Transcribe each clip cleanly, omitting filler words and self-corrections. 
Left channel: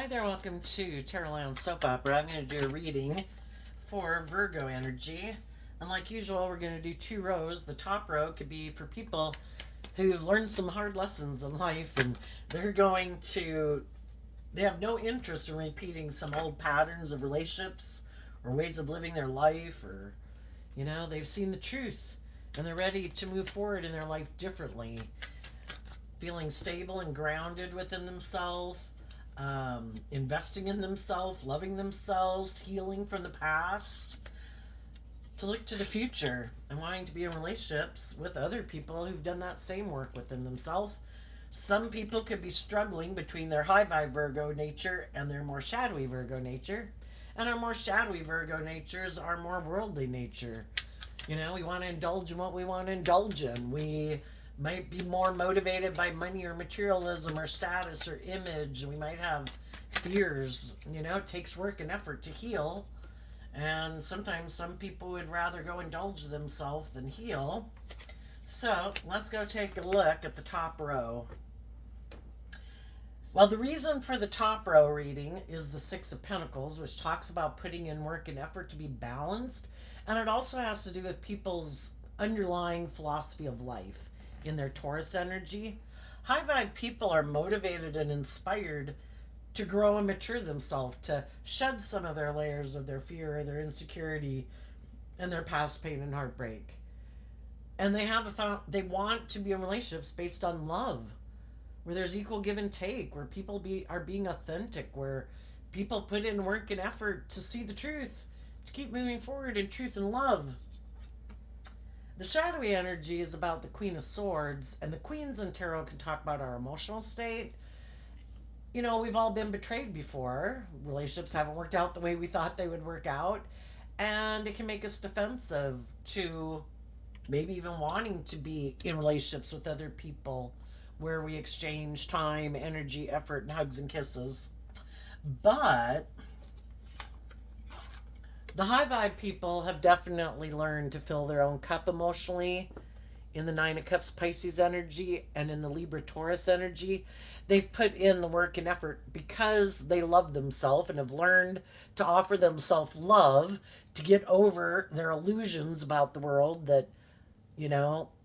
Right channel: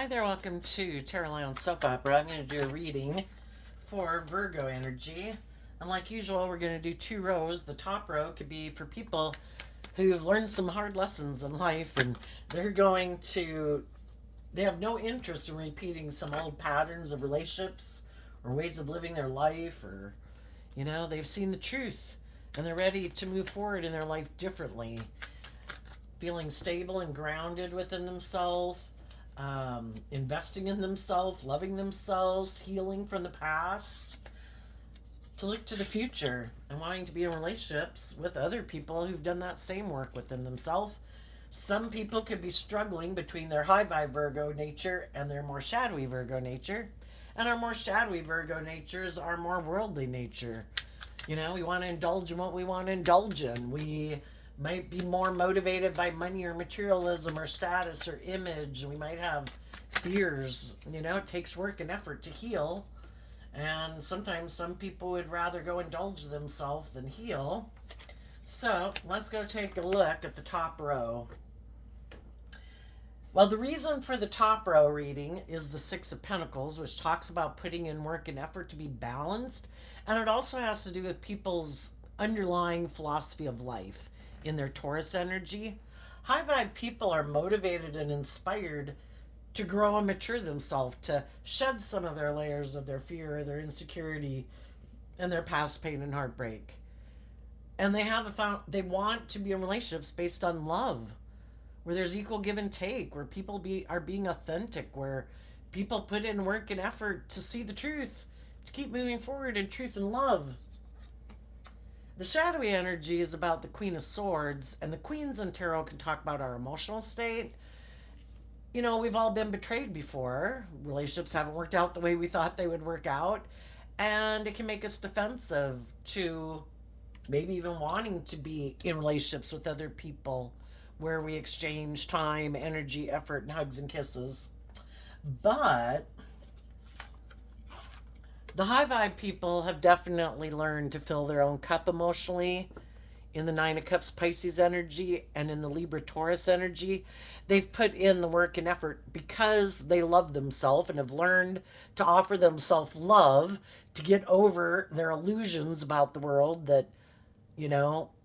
Hi there, welcome to Tarot Land Soap Opera. I'm going to do a reading for Virgo energy. And like usual, we're going to do two rows. The top row could be for people who've learned some hard lessons in life and they have no interest in repeating some old patterns of relationships or ways of living their life, or, they've seen the truth and they're ready to move forward in their life differently, feeling stable and grounded within themselves. Investing in themselves, loving themselves, healing from the past, to look to the future and wanting to be in relationships with other people who've done that same work within themselves. Some people could be struggling between their high vibe Virgo nature and their more shadowy Virgo nature. And our more shadowy Virgo natures are more worldly nature. We want to indulge in what we want to indulge in. We might be more motivated by money or materialism or status or image. We might have fears. It takes work and effort to heal. And sometimes some people would rather go indulge themselves than heal. So let's go take a look at the top row. Well, the reason for the top row reading is the Six of Pentacles, which talks about putting in work and effort to be balanced. And it also has to do with people's underlying philosophy of life in their Taurus energy. High vibe people are motivated and inspired to grow and mature themselves, to shed some of their layers of their fear, their insecurity, and their past pain and heartbreak. And they want to be in relationships based on love, where there's equal give and take, where people are being authentic, where people put in work and effort to see the truth, to keep moving forward in truth and love. The shadowy energy is about the Queen of Swords, and the Queens in tarot can talk about our emotional state. We've all been betrayed before. Relationships haven't worked out the way we thought they would work out, and it can make us defensive to maybe even wanting to be in relationships with other people where we exchange time, energy, effort, and hugs and kisses. But the high vibe people have definitely learned to fill their own cup emotionally in the Nine of Cups Pisces energy and in the Libra Taurus energy. They've put in the work and effort because they love themselves and have learned to offer themselves love to get over their illusions about the world that,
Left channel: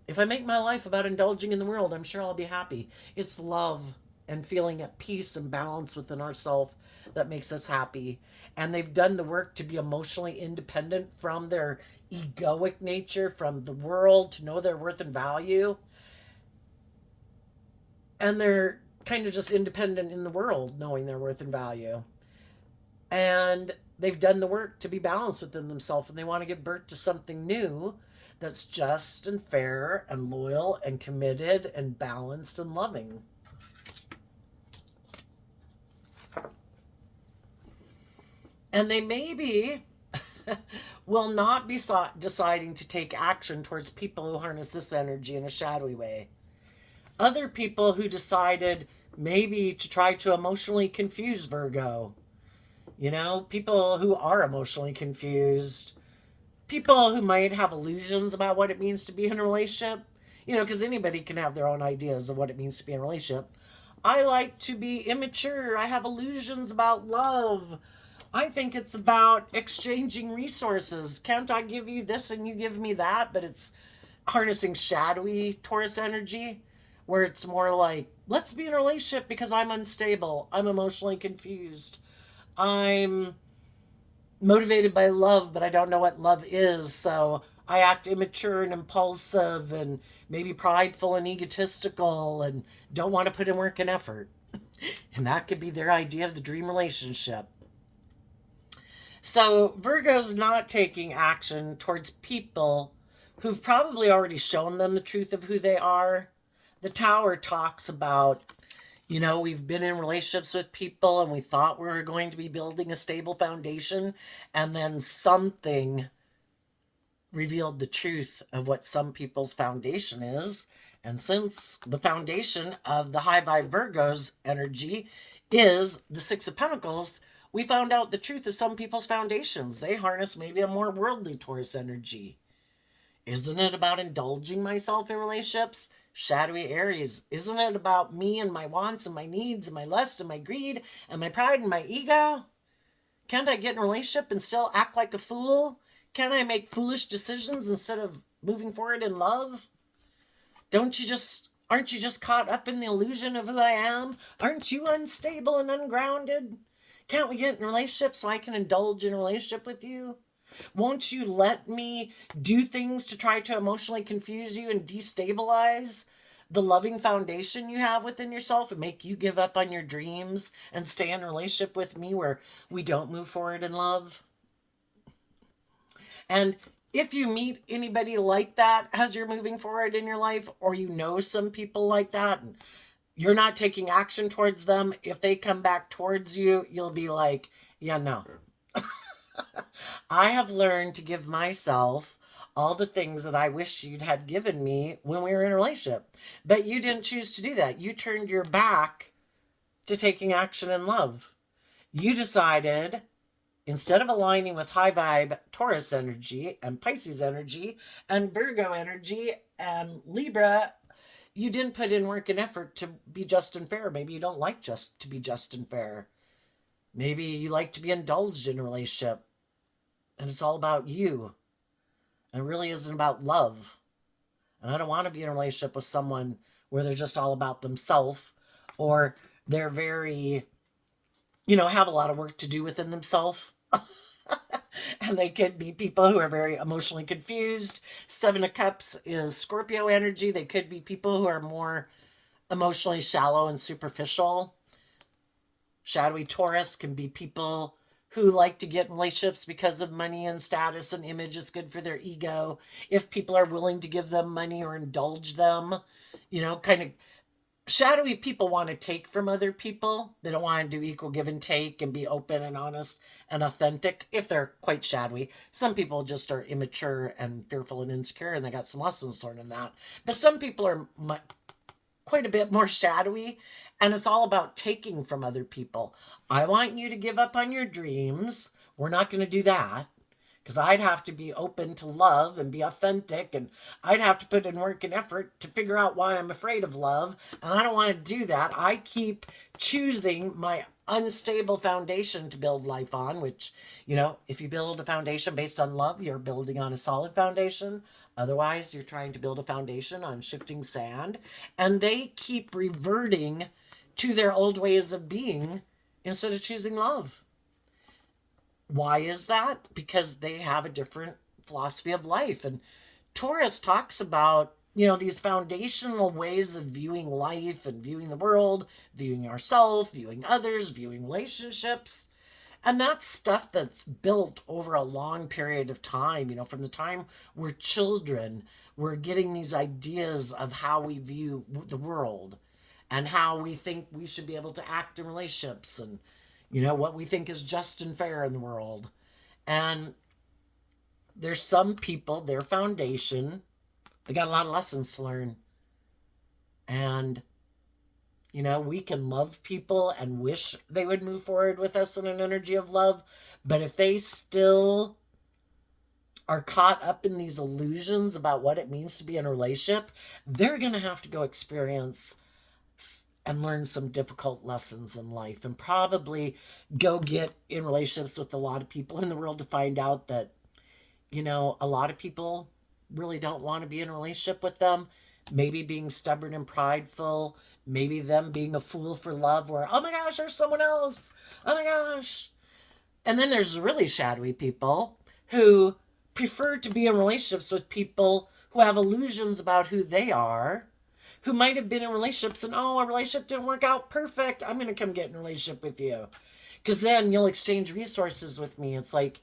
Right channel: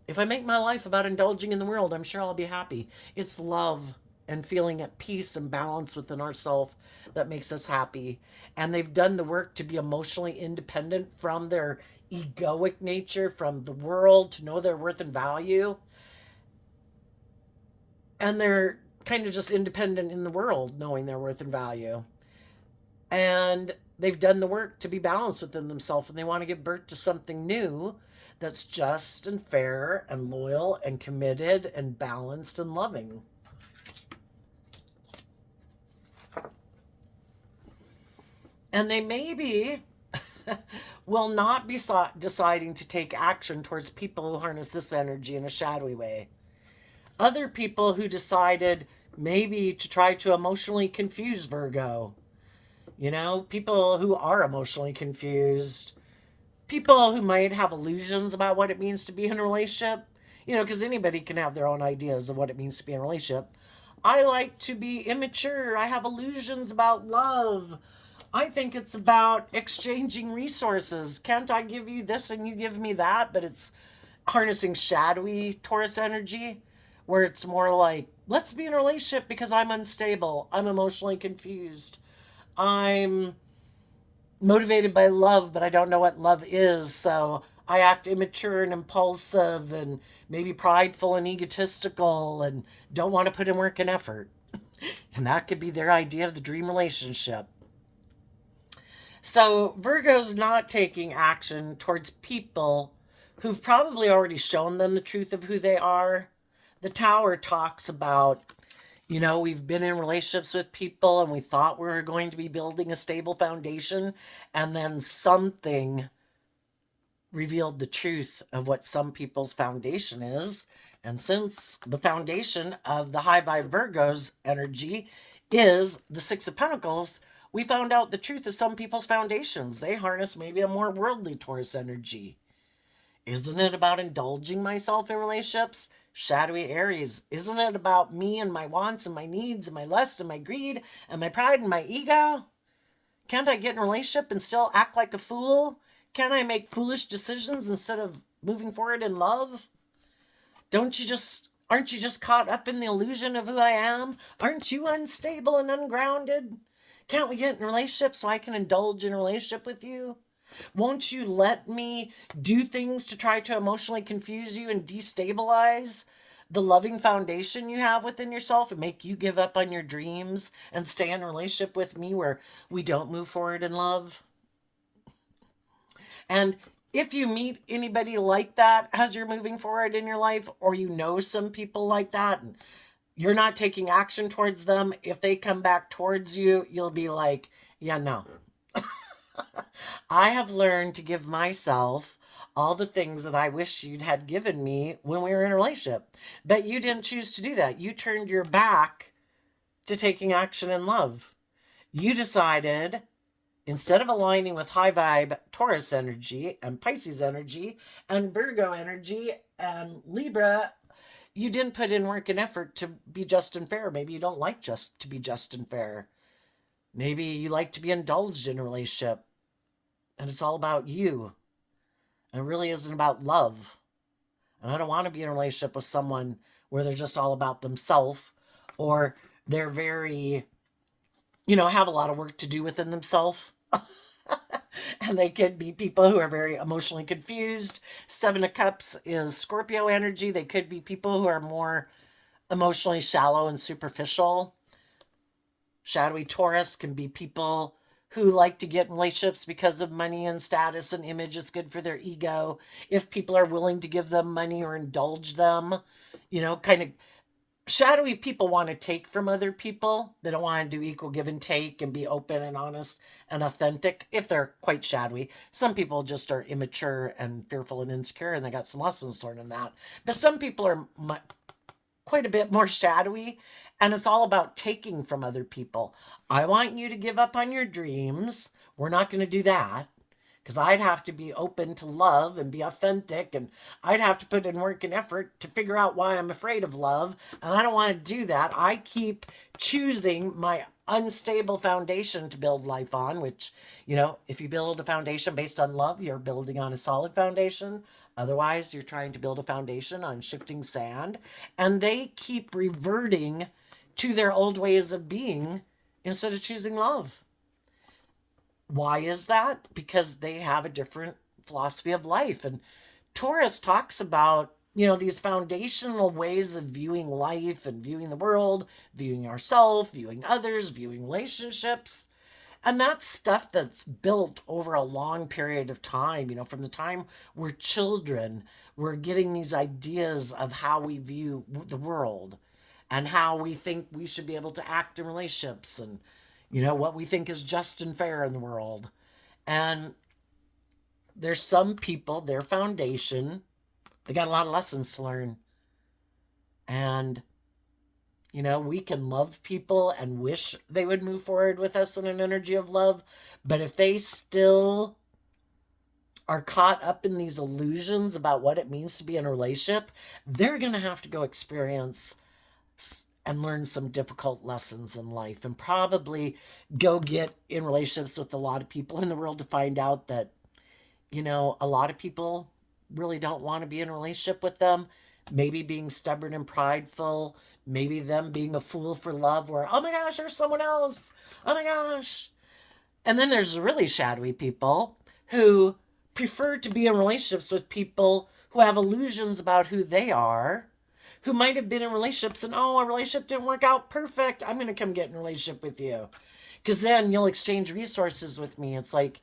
if I make my life about indulging in the world, I'm sure I'll be happy. It's love and feeling at peace and balance within ourselves that makes us happy. And they've done the work to be emotionally independent from their egoic nature, from the world, to know their worth and value. And they're kind of just independent in the world, knowing their worth and value. And they've done the work to be balanced within themselves, and they want to give birth to something new that's just and fair and loyal and committed and balanced and loving. And they maybe will not be deciding to take action towards people who harness this energy in a shadowy way. Other people who decided maybe to try to emotionally confuse Virgo. People who are emotionally confused. People who might have illusions about what it means to be in a relationship. Because anybody can have their own ideas of what it means to be in a relationship. I like to be immature. I have illusions about love. I think it's about exchanging resources. Can't I give you this and you give me that? But it's harnessing shadowy Taurus energy, where it's more like, let's be in a relationship because I'm unstable. I'm emotionally confused. I'm motivated by love, but I don't know what love is. So I act immature and impulsive and maybe prideful and egotistical and don't want to put in work and effort. And that could be their idea of the dream relationship. So Virgo's not taking action towards people who've probably already shown them the truth of who they are. The Tower talks about, we've been in relationships with people and we thought we were going to be building a stable foundation, and then something revealed the truth of what some people's foundation is. And since the foundation of the high vibe Virgo's energy is the Six of Pentacles, we found out the truth of some people's foundations. They harness maybe a more worldly Taurus energy. Isn't it about indulging myself in relationships? Shadowy Aries, isn't it about me and my wants and my needs and my lust and my greed and my pride and my ego? Can't I get in a relationship and still act like a fool? Can't I make foolish decisions instead of moving forward in love? Aren't you just caught up in the illusion of who I am? Aren't you unstable and ungrounded? Can't we get in a relationship so I can indulge in a relationship with you? Won't you let me do things to try to emotionally confuse you and destabilize the loving foundation you have within yourself and make you give up on your dreams and stay in a relationship with me where we don't move forward in love? And if you meet anybody like that as you're moving forward in your life, or you know some people like that, and you're not taking action towards them, if they come back towards you, you'll be like, yeah, no. I have learned to give myself all the things that I wish you'd had given me when we were in a relationship. But you didn't choose to do that. You turned your back to taking action in love. You decided, instead of aligning with high vibe Taurus energy and Pisces energy and Virgo energy and Libra, you didn't put in work and effort to be just and fair. Maybe you don't like just to be just and fair. Maybe you like to be indulged in a relationship and it's all about you. And it really isn't about love. And I don't want to be in a relationship with someone where they're just all about themselves, or they're very, have a lot of work to do within themselves. And they could be people who are very emotionally confused. Seven of Cups is Scorpio energy. They could be people who are more emotionally shallow and superficial. Shadowy Taurus can be people who like to get in relationships because of money and status and image is good for their ego. If people are willing to give them money or indulge them, kind of shadowy people want to take from other people. They don't want to do equal give and take and be open and honest and authentic if they're quite shadowy. Some people just are immature and fearful and insecure, and they got some lessons learned in that. But some people are quite a bit more shadowy, and it's all about taking from other people. I want you to give up on your dreams. We're not going to do that, because I'd have to be open to love and be authentic, and I'd have to put in work and effort to figure out why I'm afraid of love, and I don't want to do that. I keep choosing my unstable foundation to build life on, which, if you build a foundation based on love, you're building on a solid foundation. Otherwise, you're trying to build a foundation on shifting sand, and they keep reverting to their old ways of being instead of choosing love. Why is that? Because they have a different philosophy of life. And Taurus talks about, these foundational ways of viewing life and viewing the world, viewing ourselves, viewing others, viewing relationships. And that's stuff that's built over a long period of time. From the time we're children, we're getting these ideas of how we view the world and how we think we should be able to act in relationships, and what we think is just and fair in the world. And there's some people, their foundation, they got a lot of lessons to learn. And we can love people and wish they would move forward with us in an energy of love, but if they still are caught up in these illusions about what it means to be in a relationship, they're going to have to go experience and learn some difficult lessons in life, and probably go get in relationships with a lot of people in the world to find out that, a lot of people really don't want to be in a relationship with them. Maybe being stubborn and prideful, maybe them being a fool for love, where, oh my gosh, there's someone else. Oh my gosh. And then there's really shadowy people who prefer to be in relationships with people who have illusions about who they are, who might have been in relationships and, oh, a relationship didn't work out perfect, I'm going to come get in a relationship with you, because then you'll exchange resources with me. It's like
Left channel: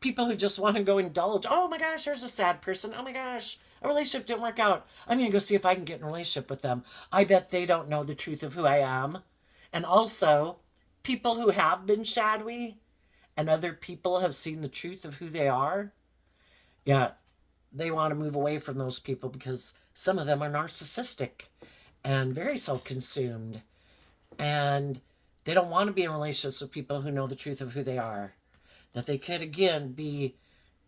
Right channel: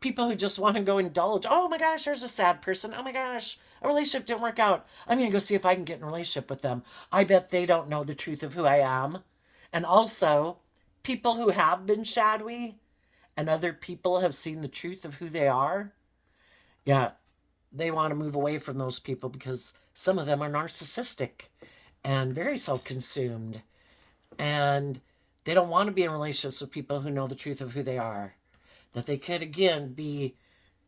people who just want to go indulge. Oh my gosh, there's a sad person. Oh my gosh, a relationship didn't work out. I'm going to go see if I can get in a relationship with them. I bet they don't know the truth of who I am. And also, people who have been shadowy and other people have seen the truth of who they are, yeah, they want to move away from those people because some of them are narcissistic and very self-consumed. And they don't want to be in relationships with people who know the truth of who they are. That they could, again, be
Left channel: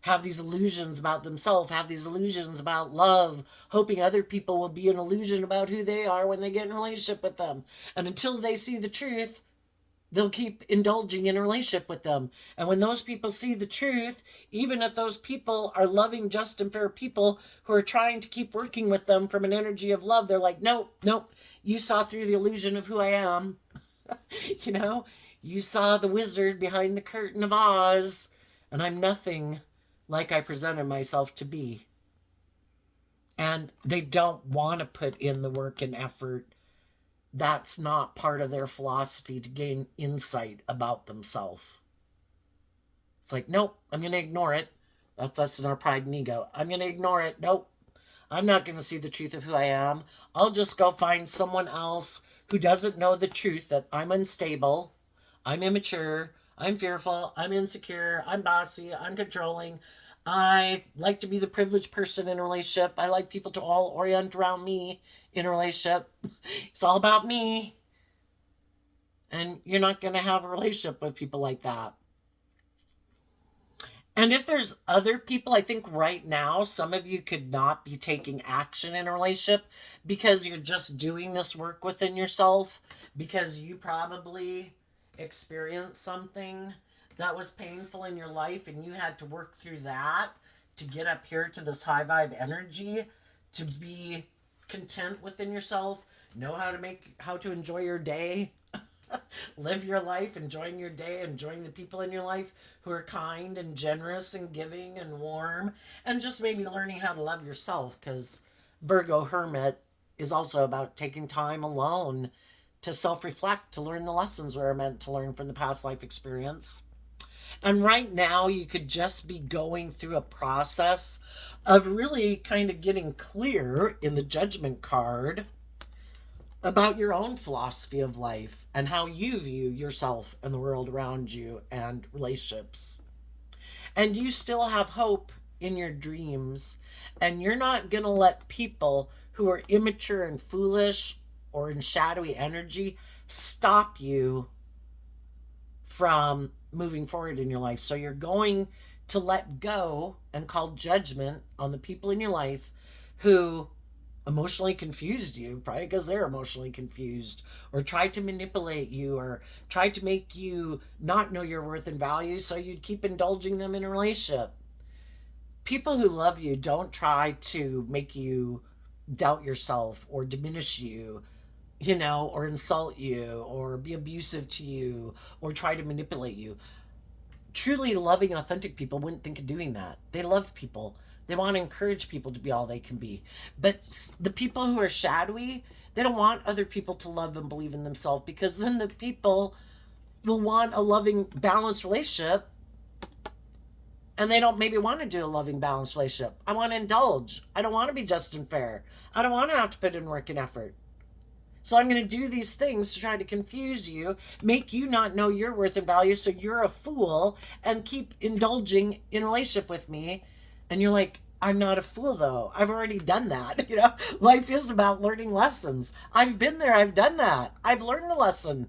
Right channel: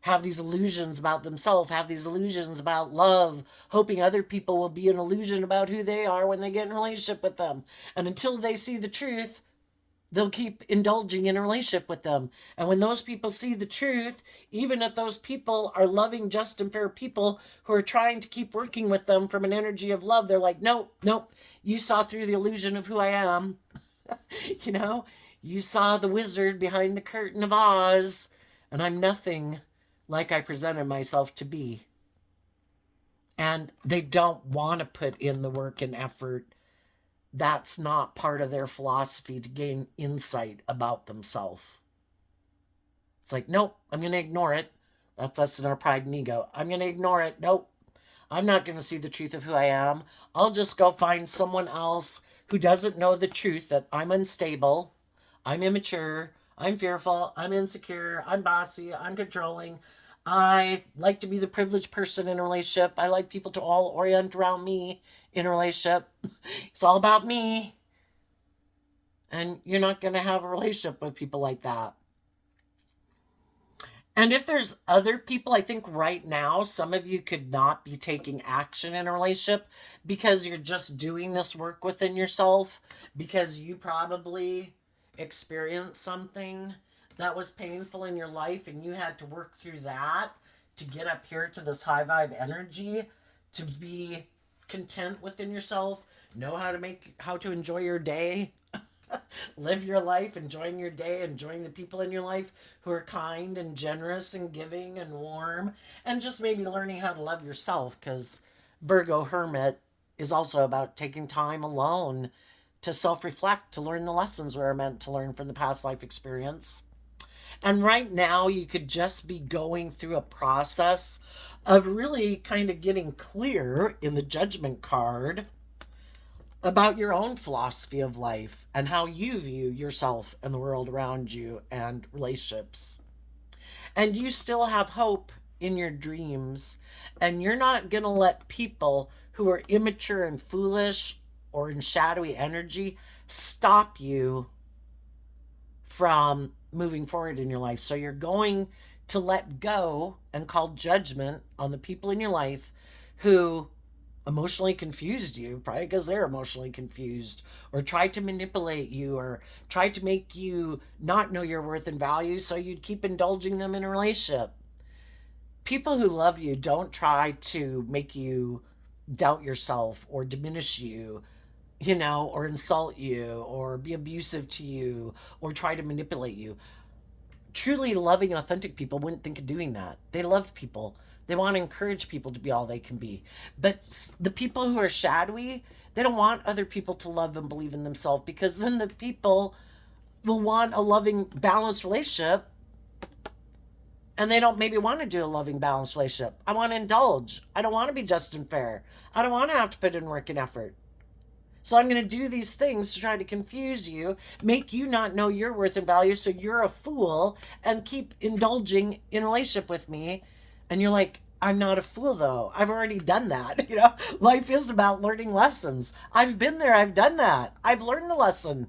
have these illusions about themselves, have these illusions about love, hoping other people will be an illusion about who they are when they get in a relationship with them. And until they see the truth, they'll keep indulging in a relationship with them. And when those people see the truth, even if those people are loving, just, and fair people who are trying to keep working with them from an energy of love, they're like, nope, nope, you saw through the illusion of who I am. You know, you saw the wizard behind the curtain of Oz, and I'm nothing like I presented myself to be. And they don't want to put in the work and effort. That's not part of their philosophy to gain insight about themselves. It's like, nope, I'm going to ignore it. That's us in our pride and ego. I'm going to ignore it. Nope, I'm not going to see the truth of who I am. I'll just go find someone else who doesn't know the truth that I'm unstable, I'm immature, I'm fearful, I'm insecure, I'm bossy, I'm controlling. I like to be the privileged person in a relationship. I like people to all orient around me in a relationship. It's all about me. And you're not going to have a relationship with people like that. And if there's other people, I think right now, some of you could not be taking action in a relationship because you're just doing this work within yourself, because you probably experienced something that was painful in your life and you had to work through that to get up here to this high vibe energy, to be content within yourself, know how to enjoy your day, live your life, enjoying your day, enjoying the people in your life who are kind and generous and giving and warm, and just maybe learning how to love yourself, because Virgo Hermit is also about taking time alone to self-reflect, to learn the lessons we're meant to learn from the past life experience. And right now, you could just be going through a process of really kind of getting clear in the judgment card about your own philosophy of life and how you view yourself and the world around you and relationships. And you still have hope in your dreams, and you're not going to let people who are immature and foolish or in shadowy energy stop you from moving forward in your life. So you're going to let go and call judgment on the people in your life who emotionally confused you, probably because they're emotionally confused, or tried to manipulate you, or tried to make you not know your worth and value so you'd keep indulging them in a relationship. People who love you don't try to make you doubt yourself or diminish you, or insult you or be abusive to you or try to manipulate you. Truly loving, authentic people wouldn't think of doing that. They love people. They want to encourage people to be all they can be. But the people who are shadowy, they don't want other people to love and believe in themselves, because then the people will want a loving, balanced relationship, and they don't maybe want to do a loving, balanced relationship. I want to indulge. I don't want to be just and fair. I don't want to have to put in work and effort. So I'm going to do these things to try to confuse you, make you not know your worth and value, so you're a fool and keep indulging in a relationship with me. And you're like, I'm not a fool, though. I've already done that. Life is about learning lessons. I've been there. I've done that. I've learned the lesson.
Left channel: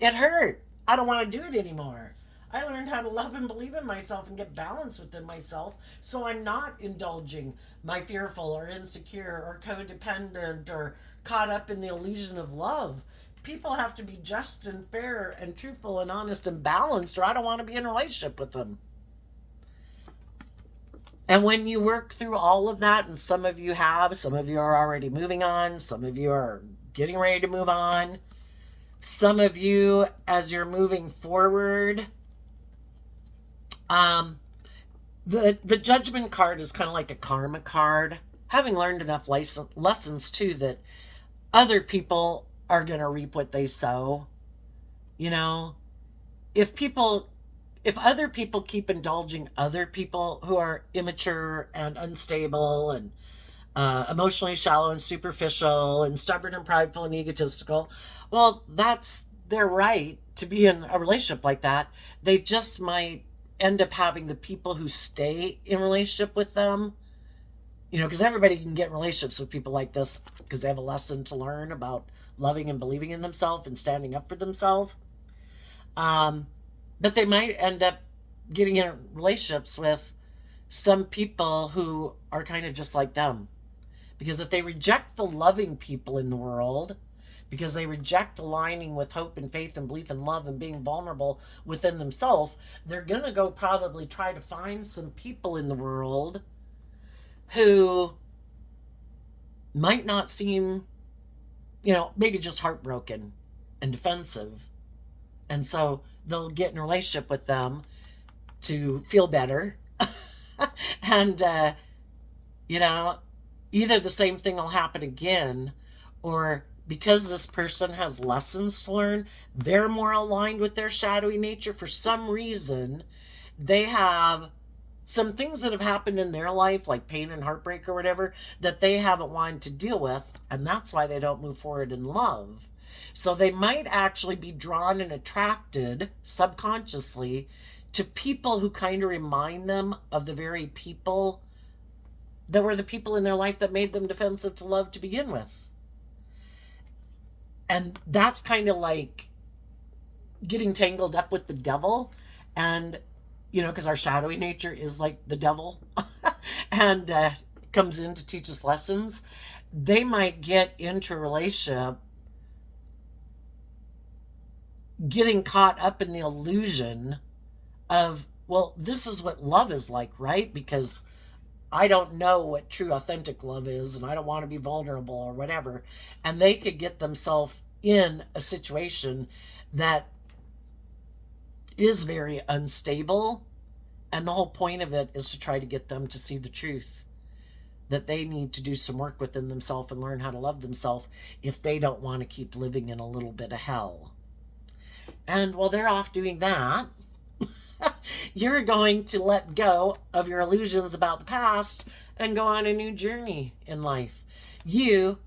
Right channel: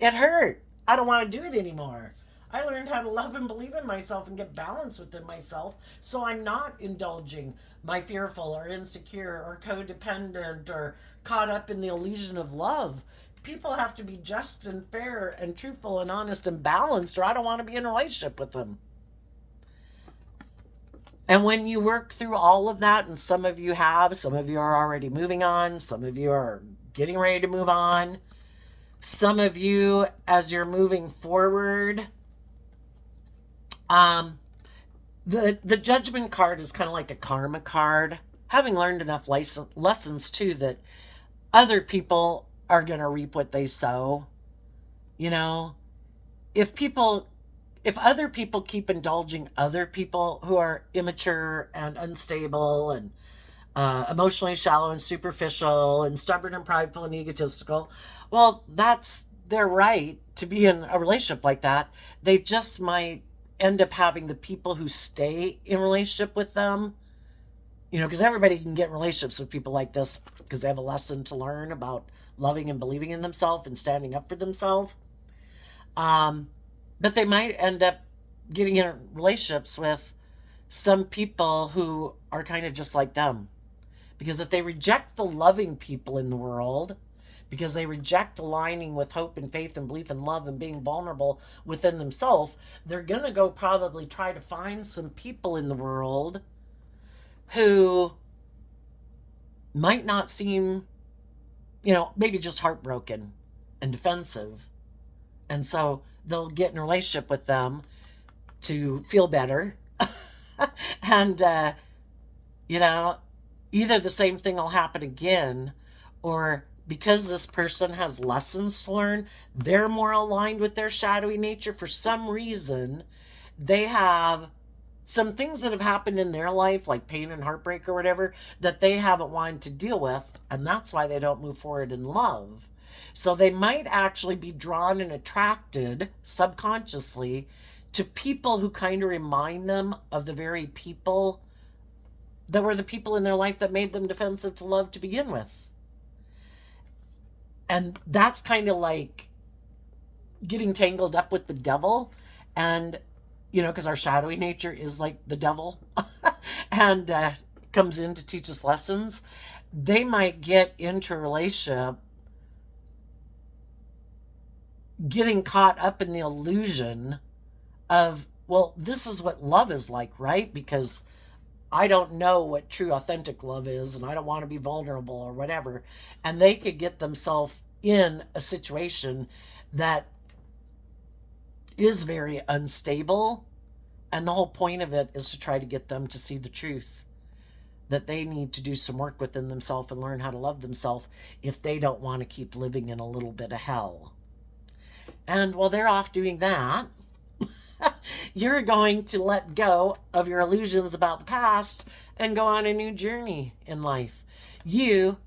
It hurt. I don't want to do it anymore. I learned how to love and believe in myself and get balance within myself, so I'm not indulging my fearful or insecure or codependent or caught up in the illusion of love. People have to be just and fair and truthful and honest and balanced, or I don't want to be in a relationship with them. And when you work through all of that, and some of you have, some of you are already moving on, some of you are getting ready to move on, some of you, as you're moving forward, the judgment card is kind of like a karma card. Having learned enough lessons too that other people are going to reap what they sow. If other people keep indulging other people who are immature and unstable and emotionally shallow and superficial and stubborn and prideful and egotistical, well, that's their right to be in a relationship like that. They just might end up having the people who stay in relationship with them, because everybody can get in relationships with people like this because they have a lesson to learn about loving and believing in themselves and standing up for themselves. But they might end up getting in relationships with some people who are kind of just like them. Because if they reject the loving people in the world, because they reject aligning with hope and faith and belief and love and being vulnerable within themselves, they're going to go probably try to find some people in the world who might not seem, maybe just heartbroken and defensive. And so they'll get in a relationship with them to feel better. And, you know, either the same thing will happen again, or because this person has lessons to learn, they're more aligned with their shadowy nature for some reason. They have some things that have happened in their life, like pain and heartbreak or whatever, that they haven't wanted to deal with, and that's why they don't move forward in love. So they might actually be drawn and attracted subconsciously to people who kind of remind them of the very people that were the people in their life that made them defensive to love to begin with. And that's kind of like getting tangled up with the devil. And, because our shadowy nature is like the devil and comes in to teach us lessons. They might get into a relationship getting caught up in the illusion of, well, this is what love is like, right? Because I don't know what true authentic love is and I don't want to be vulnerable or whatever. And they could get themselves in a situation that is very unstable. And the whole point of it is to try to get them to see the truth that they need to do some work within themselves and learn how to love themselves if they don't want to keep living in a little bit of hell. And while they're off doing that, you're going to let go of your illusions about the past and go on a new journey in life. You,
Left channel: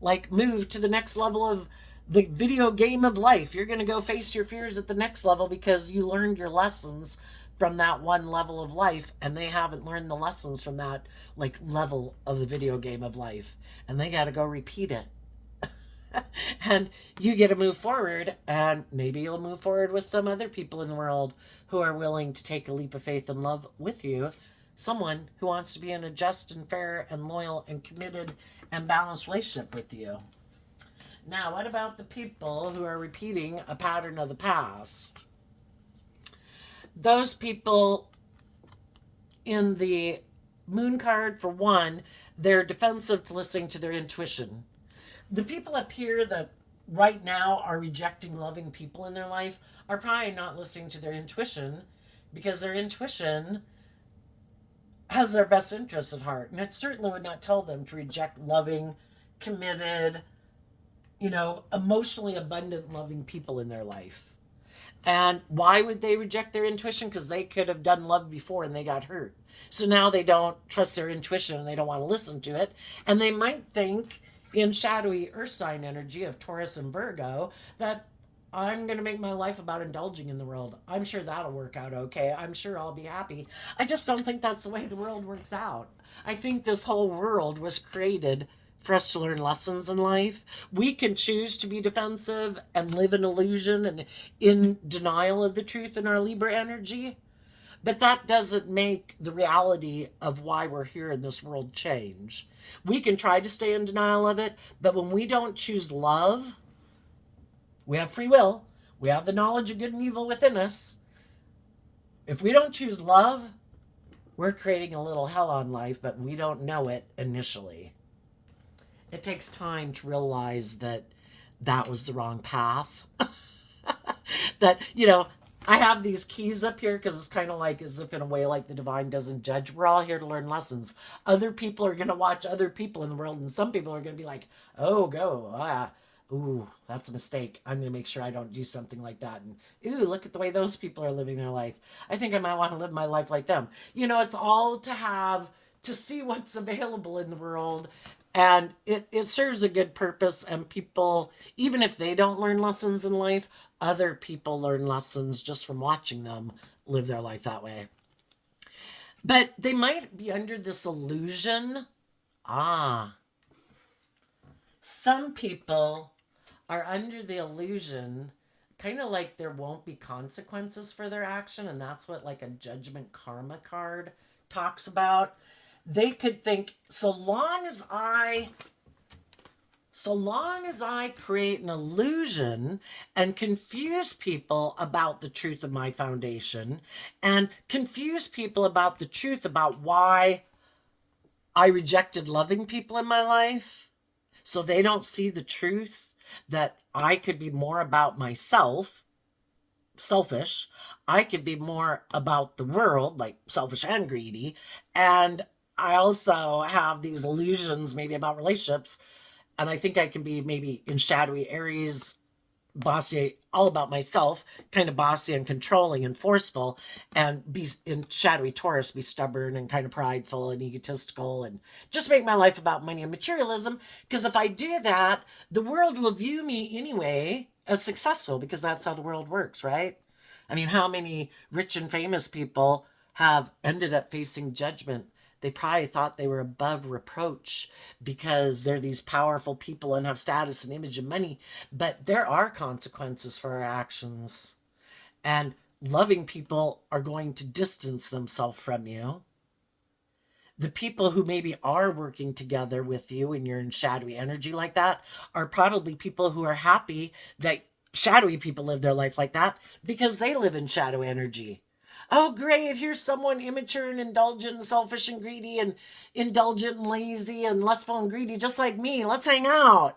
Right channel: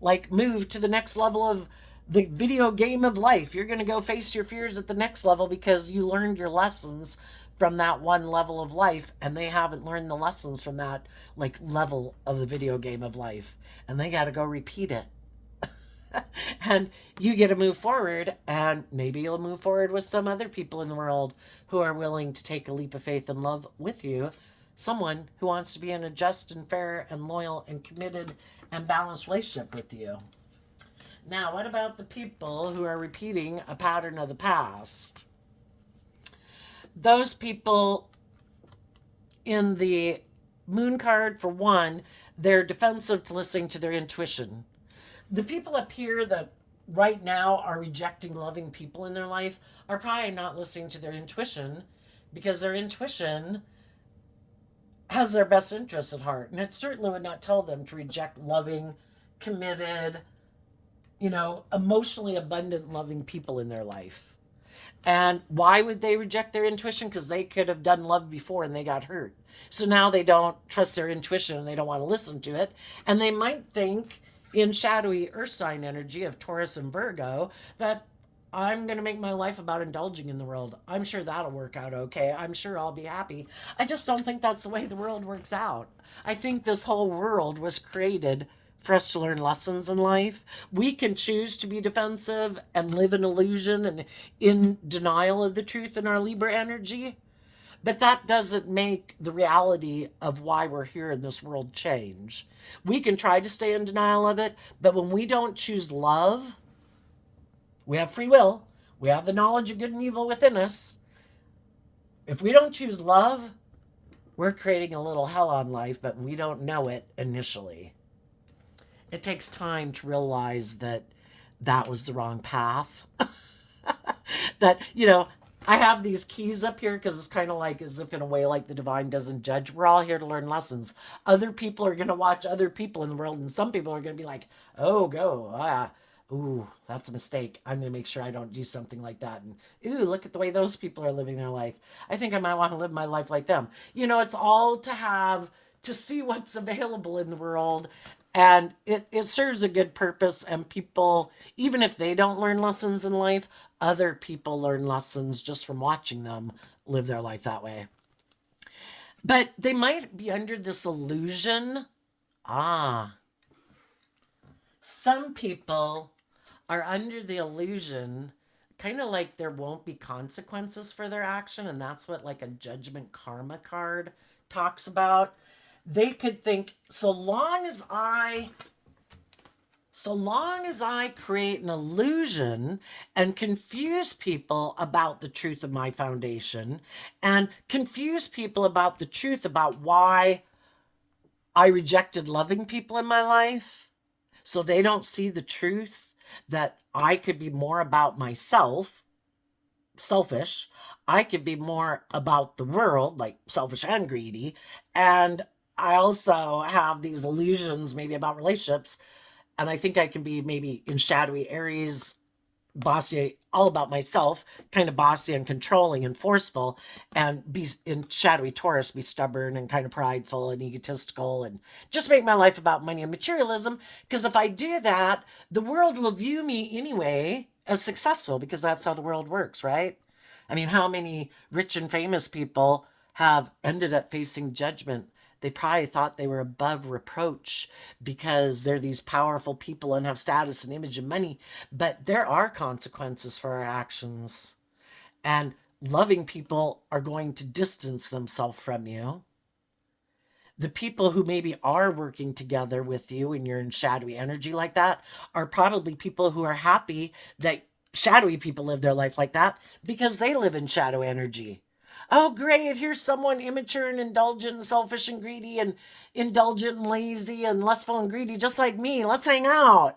like, move to the next level of the video game of life. You're going to go face your fears at the next level because you learned your lessons from that one level of life, and they haven't learned the lessons from that, like, level of the video game of life, and they got to go repeat it. And you get to move forward, and maybe you'll move forward with some other people in the world who are willing to take a leap of faith and love with you. Someone who wants to be in a just and fair and loyal and committed and balanced relationship with you. Now, what about the people who are repeating a pattern of the past? Those people in the moon card, for one, they're defensive to listening to their intuition. The people up here that right now are rejecting loving people in their life are probably not listening to their intuition, because their intuition has their best interests at heart. And it certainly would not tell them to reject loving, committed, emotionally abundant, loving people in their life. And why would they reject their intuition? Because they could have done love before and they got hurt. So now they don't trust their intuition and they don't want to listen to it. And they might think, in shadowy earth sign energy of Taurus and Virgo, that I'm going to make my life about indulging in the world. I'm sure that'll work out okay. I'm sure I'll be happy. I just don't think that's the way the world works out. I think this whole world was created for us to learn lessons in life. We can choose to be defensive and live in illusion and in denial of the truth in our Libra energy. But that doesn't make the reality of why we're here in this world change. We can try to stay in denial of it, but when we don't choose love, we have free will. We have the knowledge of good and evil within us. If we don't choose love, we're creating a little hell on life, but we don't know it initially. It takes time to realize that that was the wrong path. That, I have these keys up here because it's kind of like as if in a way like the divine doesn't judge. We're all here to learn lessons. Other people are going to watch other people in the world, and some people are going to be like, oh, go, ooh, that's a mistake. I'm going to make sure I don't do something like that. And, ooh, look at the way those people are living their life. I think I might want to live my life like them. It's all to see what's available in the world. And it serves a good purpose. And people, even if they don't learn lessons in life, other people learn lessons just from watching them live their life that way. But they might be under this illusion. Some people are under the illusion, kind of like there won't be consequences for their action. And that's what like a judgment karma card talks about, they could think, so long as I create an illusion and confuse people about the truth of my foundation, and confuse people about the truth about why I rejected loving people in my life, so they don't see the truth that I could be more about myself, selfish. I could be more about the world, like selfish and greedy. And I also have these illusions maybe about relationships. And I think I can be maybe in shadowy Aries, bossy, all about myself, kind of bossy and controlling and forceful, and be in shadowy Taurus, be stubborn and kind of prideful and egotistical, and just make my life about money and materialism. Because if I do that, the world will view me anyway as successful, because that's how the world works, right? I mean, how many rich and famous people have ended up facing judgment? They probably thought they were above reproach because they're these powerful people and have status and image and money. But there are consequences for our actions. And loving people are going to distance themselves from you. The people who maybe are working together with you and you're in shadowy energy like that are probably people who are happy that shadowy people live their life like that, because they live in shadow energy. Oh, great. Here's someone immature and indulgent and selfish and greedy and indulgent and lazy and lustful and greedy, just like me. Let's hang out.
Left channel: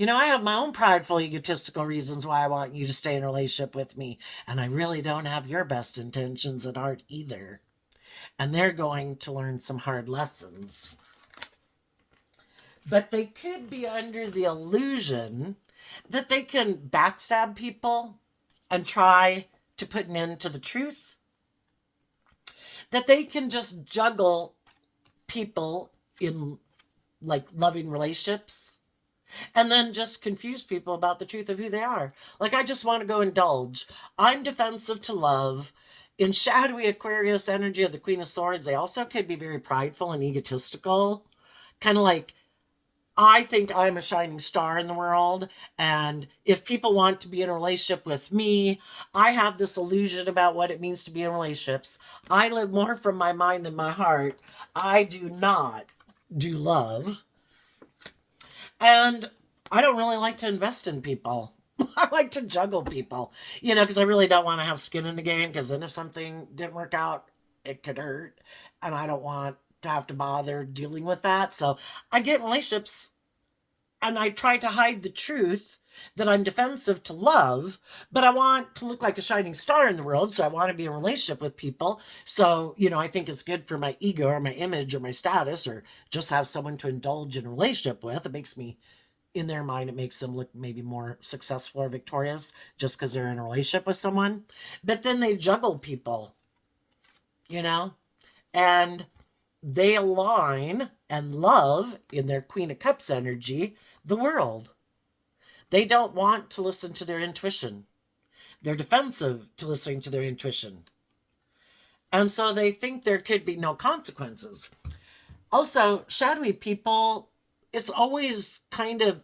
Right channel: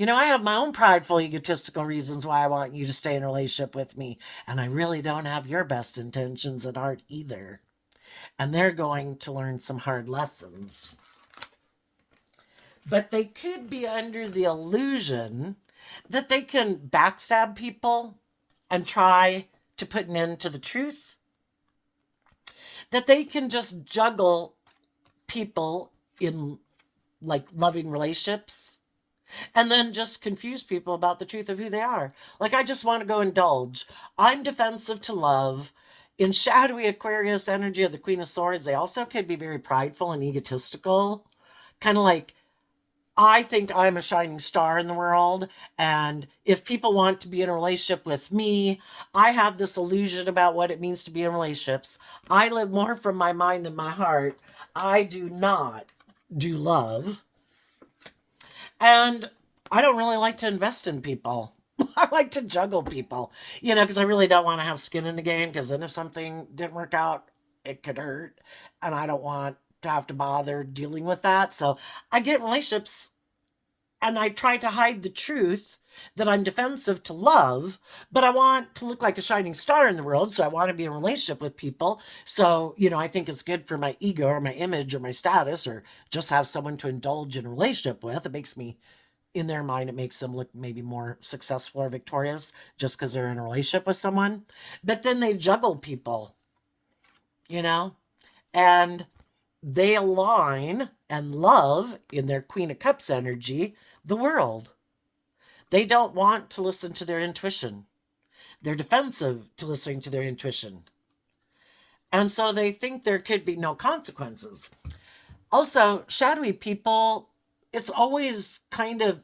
I have my own prideful, egotistical reasons why I want you to stay in a relationship with me. And I really don't have your best intentions at heart either. And they're going to learn some hard lessons. But they could be under the illusion that they can backstab people and try to put an end to the truth. That they can just juggle people in like loving relationships and then just confuse people about the truth of who they are. Like, I just want to go indulge. I'm defensive to love. In shadowy Aquarius energy of the Queen of Swords, they also could be very prideful and egotistical. Kind of like, I think I'm a shining star in the world, and if people want to be in a relationship with me, I have this illusion about what it means to be in relationships. I live more from my mind than my heart. I do not do love. And I don't really like to invest in people. I like to juggle people, because I really don't want to have skin in the game, because then if something didn't work out, it could hurt. And I don't want to have to bother dealing with that. So I get in relationships and I try to hide the truth that I'm defensive to love, but I want to look like a shining star in the world. So I want to be in a relationship with people. So, I think it's good for my ego or my image or my status, or just have someone to indulge in a relationship with. It makes me, in their mind, it makes them look maybe more successful or victorious just because they're in a relationship with someone. But then they juggle people, and they align and love in their Queen of Cups energy the world. They don't want to listen to their intuition. They're defensive to listening to their intuition. And so they think there could be no consequences. Also, shadowy people, it's always kind of,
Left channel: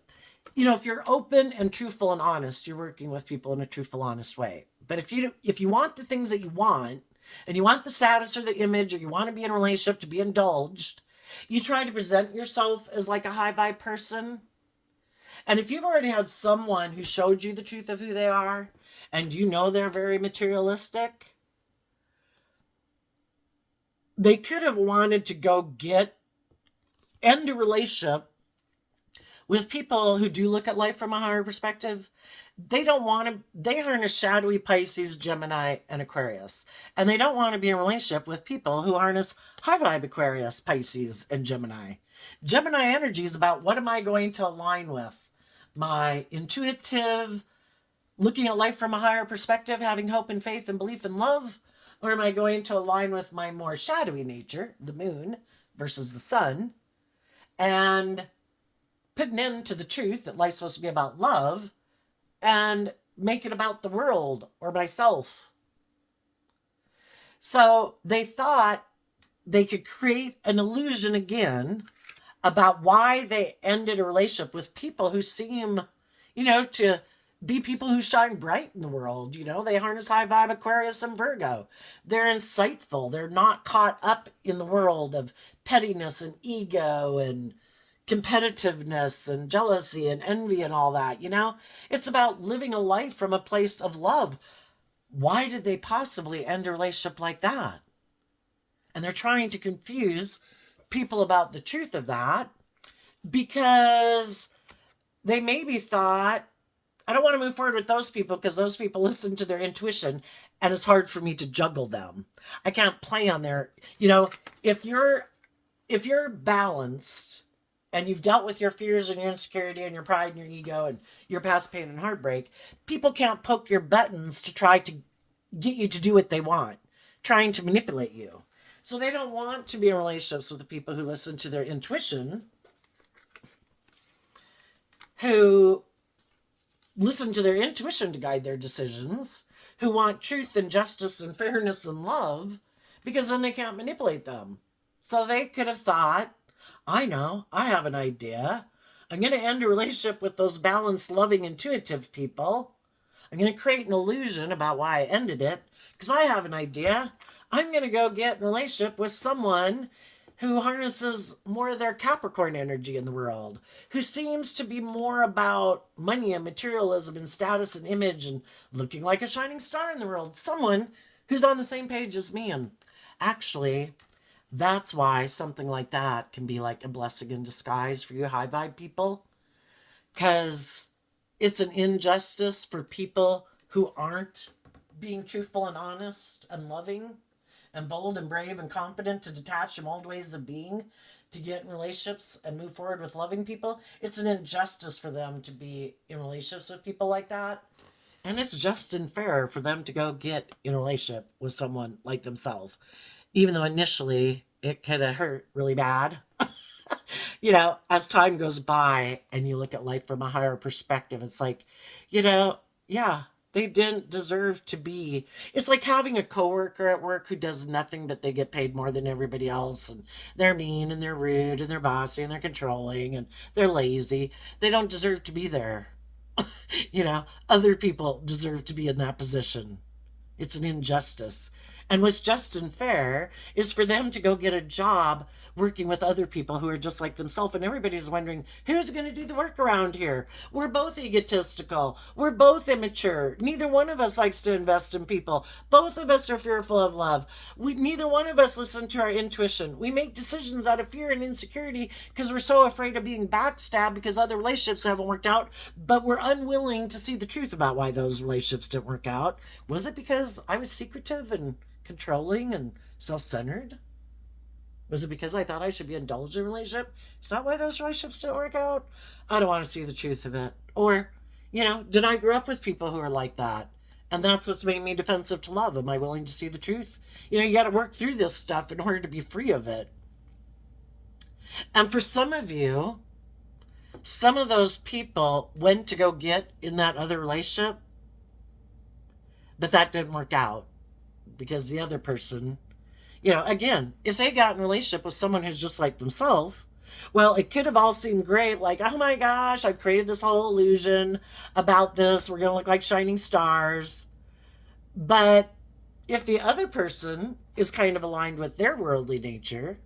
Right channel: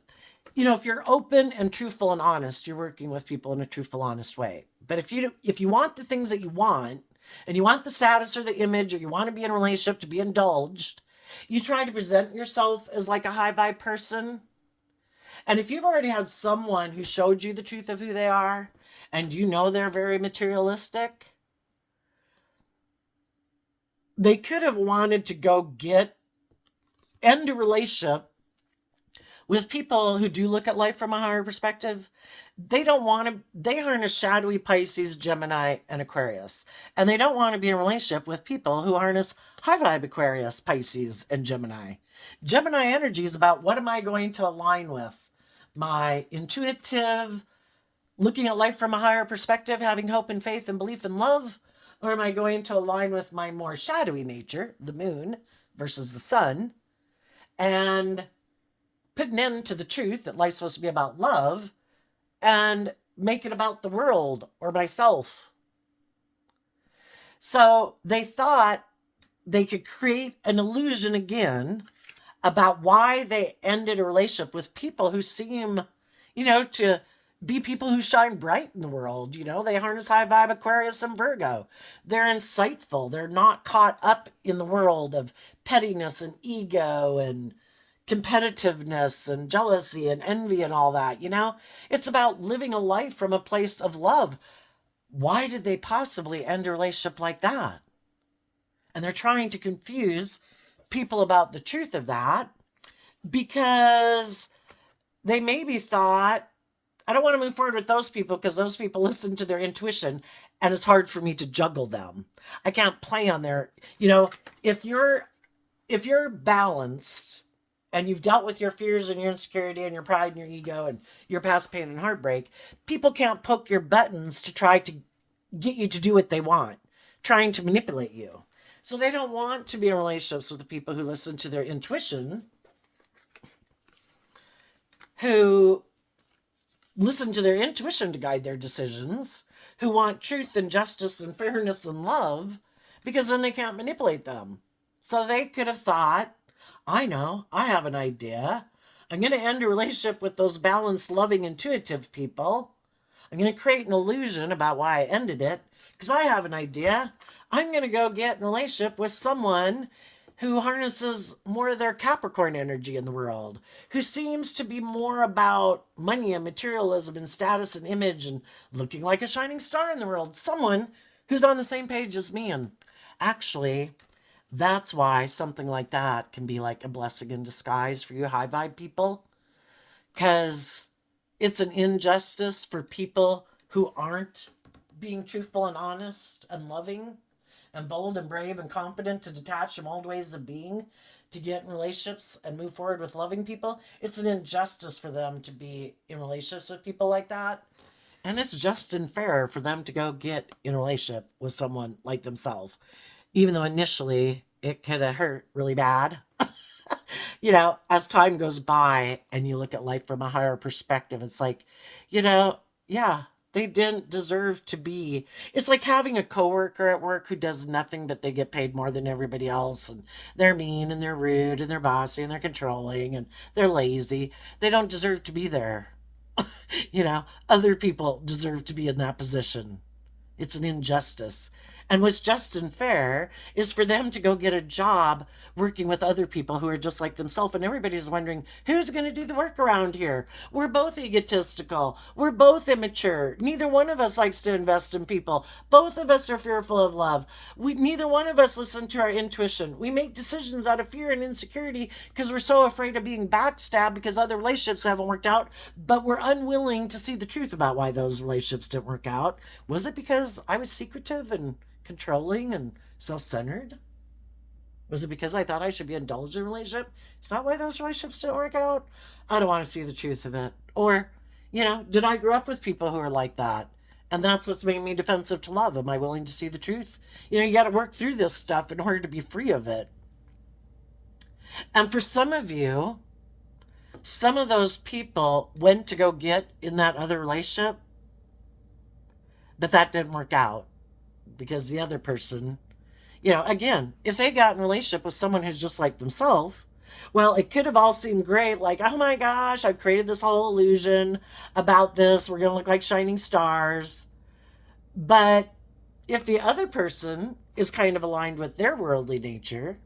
if you're open and truthful and honest, you're working with people in a truthful, honest way. But if you want the things that you want, and you want the status or the image, or you want to be in a relationship to be indulged, you try to present yourself as like a high vibe person. And if you've already had someone who showed you the truth of who they are, and they're very materialistic, they could have wanted to go end a relationship with people who do look at life from a higher perspective. They harness shadowy Pisces, Gemini, and Aquarius. And they don't want to be in a relationship with people who harness high vibe Aquarius, Pisces, and Gemini. Gemini energy is about, what am I going to align with? My intuitive, looking at life from a higher perspective, having hope and faith and belief and love? Or am I going to align with my more shadowy nature, the moon versus the sun, and put an end to the truth that life's supposed to be about love, and make it about the world or myself? So they thought they could create an illusion again about why they ended a relationship with people who seem, to be people who shine bright in the world. They harness high vibe Aquarius and Virgo. They're insightful. They're not caught up in the world of pettiness and ego and competitiveness and jealousy and envy and all that. It's about living a life from a place of love. Why did they possibly end a relationship like that? And they're trying to confuse people about the truth of that because they maybe thought, I don't want to move forward with those people because those people listen to their intuition and it's hard for me to juggle them. I can't play on their, if you're balanced and you've dealt with your fears and your insecurity and your pride and your ego and your past pain and heartbreak, people can't poke your buttons to try to get you to do what they want, trying to manipulate you. So they don't want to be in relationships with the people who listen to their intuition, who listen to their intuition to guide their decisions, who want truth and justice and fairness and love, because then they can't manipulate them. So they could have thought, I know, I have an idea. I'm going to end a relationship with those balanced, loving, intuitive people. I'm going to create an illusion about why I ended it, because I have an idea. I'm going to go get in a relationship with someone who harnesses more of their Capricorn energy in the world, who seems to be more about money and materialism and status and image and looking like a shining star in the world. Someone who's on the same page as me. And actually, that's why something like that can be like a blessing in disguise for you high vibe people. Because it's an injustice for people who aren't being truthful and honest and loving and bold and brave and confident to detach from old ways of being, to get in relationships and move forward with loving people. It's an injustice for them to be in relationships with people like that. And it's just and fair for them to go get in a relationship with someone like themselves. Even though initially it could have hurt really bad. As time goes by and you look at life from a higher perspective, it's like, yeah, they didn't deserve to be. It's like having a coworker at work who does nothing but they get paid more than everybody else, and they're mean and they're rude and they're bossy and they're controlling and they're lazy. They don't deserve to be there. Other people deserve to be in that position. It's an injustice. And what's just and fair is for them to go get a job working with other people who are just like themselves. And everybody's wondering, who's going to do the work around here? We're both egotistical. We're both immature. Neither one of us likes to invest in people. Both of us are fearful of love. Neither one of us listen to our intuition. We make decisions out of fear and insecurity because we're so afraid of being backstabbed because other relationships haven't worked out, but we're unwilling to see the truth about why those relationships didn't work out. Was it because I was secretive and controlling and self-centered? Was it because I thought I should be indulged in a relationship? Is that why those relationships didn't work out? I don't want to see the truth of it. Or, did I grow up with people who are like that? And that's what's made me defensive to love. Am I willing to see the truth? You got to work through this stuff in order to be free of it. And for some of you, some of those people went to go get in that other relationship, but that didn't work out. Because the other person, again, if they got in a relationship with someone who's just like themselves, well, it could have all seemed great. Like, oh my gosh, I've created this whole illusion about this. We're going to look like shining stars. But if the other person is kind of aligned with their worldly nature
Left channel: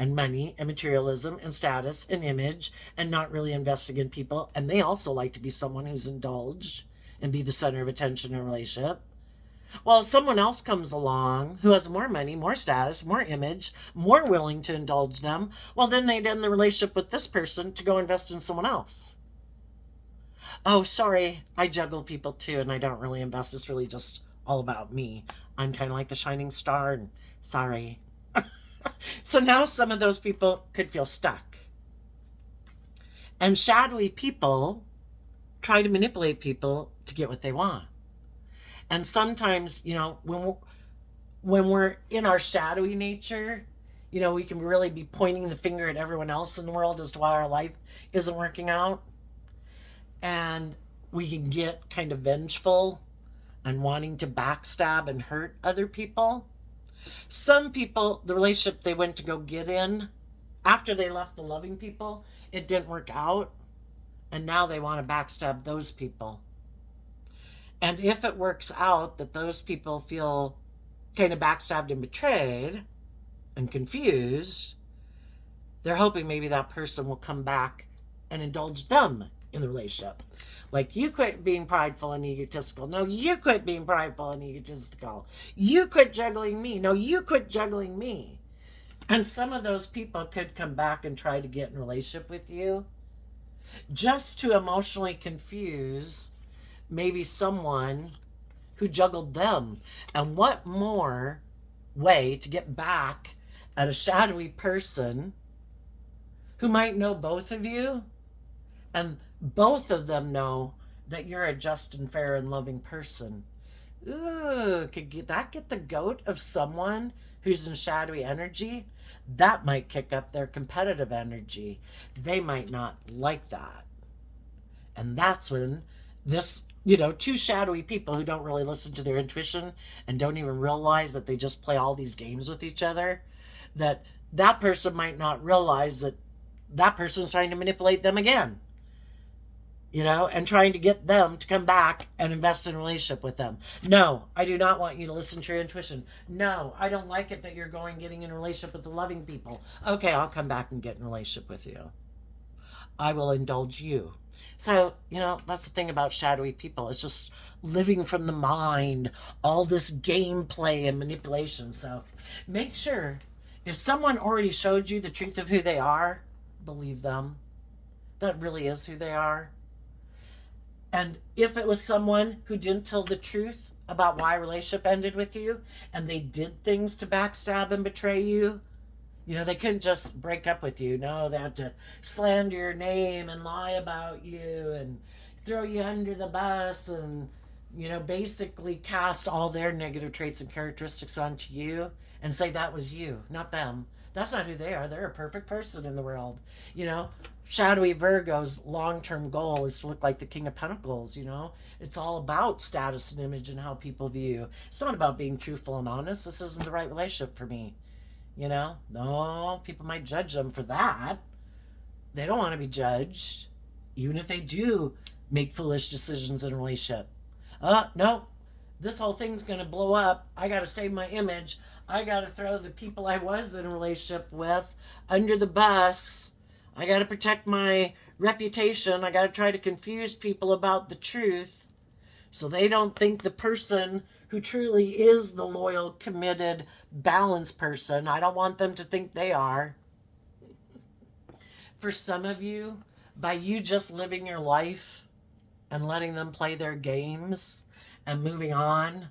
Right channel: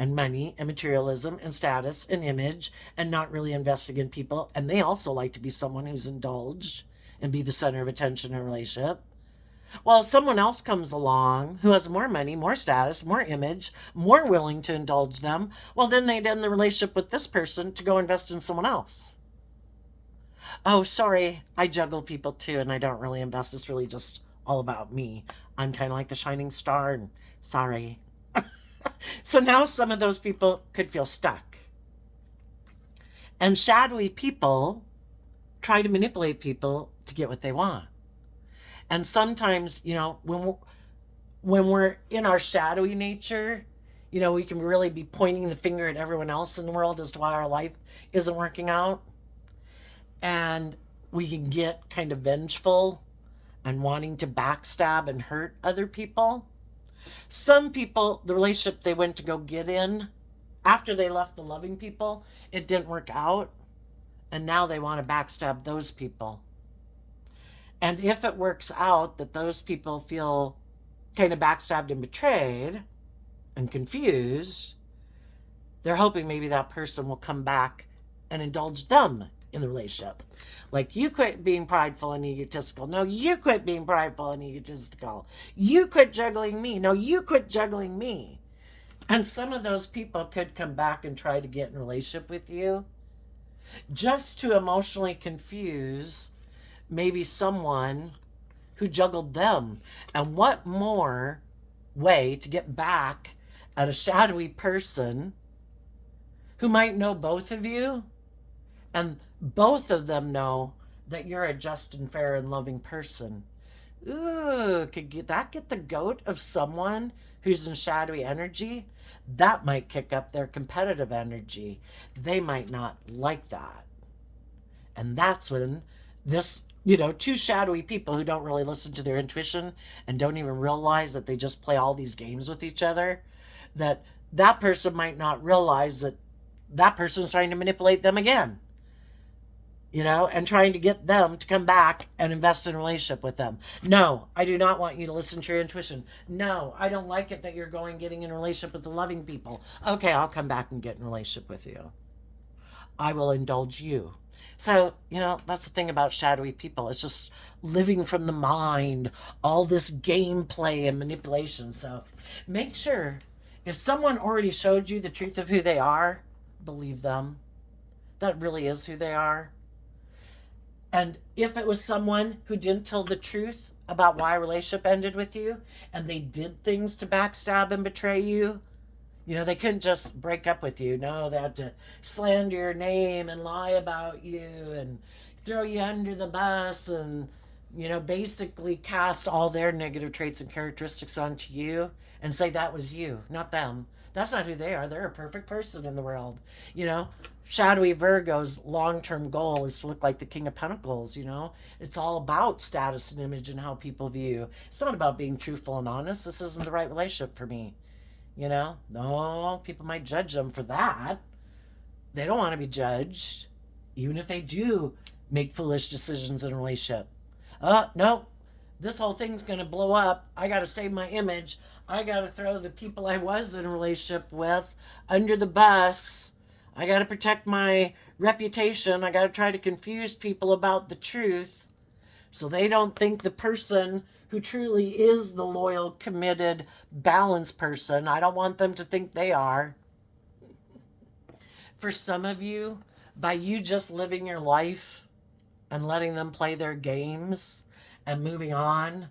and money and materialism and status and image and not really investing in people, and they also like to be someone who's indulged and be the center of attention in a relationship, well, if someone else comes along who has more money, more status, more image, more willing to indulge them, well, then they'd end the relationship with this person to go invest in someone else. Oh, sorry, I juggle people too, and I don't really invest. It's really just all about me. I'm kind of like the shining star, and sorry. So now some of those people could feel stuck. And shadowy people try to manipulate people to get what they want. And sometimes, when we're in our shadowy nature, we can really be pointing the finger at everyone else in the world as to why our life isn't working out. And we can get kind of vengeful and wanting to backstab and hurt other people. Some people, the relationship they went to go get in, after they left the loving people, it didn't work out. And now they want to backstab those people. And if it works out that those people feel kind of backstabbed and betrayed and confused, they're hoping maybe that person will come back and indulge them in the relationship. Like, you quit being prideful and egotistical. No, you quit being prideful and egotistical. You quit juggling me. No, you quit juggling me. And some of those people could come back and try to get in a relationship with you just to emotionally confuse maybe someone who juggled them. And what more way to get back at a shadowy person who might know both of you, and both of them know that you're a just and fair and loving person. Ooh, could that get the goat of someone who's in shadowy energy? That might kick up their competitive energy. They might not like that. And that's when this, two shadowy people who don't really listen to their intuition and don't even realize that they just play all these games with each other, that person might not realize that that person's trying to manipulate them again, and trying to get them to come back and invest in a relationship with them. No, I do not want you to listen to your intuition. No, I don't like it that you're getting in a relationship with the loving people. Okay, I'll come back and get in a relationship with you. I will indulge you. So, that's the thing about shadowy people. It's just living from the mind, all this gameplay and manipulation. So make sure, if someone already showed you the truth of who they are, believe them. That really is who they are. And if it was someone who didn't tell the truth about why a relationship ended with you, and they did things to backstab and betray you, they couldn't just break up with you. No, they had to slander your name and lie about you and throw you under the bus and, basically cast all their negative traits and characteristics onto you and say that was you, not them. That's not who they are. They're a perfect person in the world. Shadowy Virgo's long-term goal is to look like the King of Pentacles. It's all about status and image and how people view you. It's not about being truthful and honest. This isn't the right relationship for me. No, people might judge them for that. They don't want to be judged, even if they do make foolish decisions in a relationship. No, this whole thing's going to blow up. I got to save my image. I got to throw the people I was in a relationship with under the bus. I got to protect my reputation. I got to try to confuse people about the truth so they don't think the person who truly is the loyal, committed, balanced person, I don't want them to think they are. For some of you, by you just living your life and letting them play their games and moving on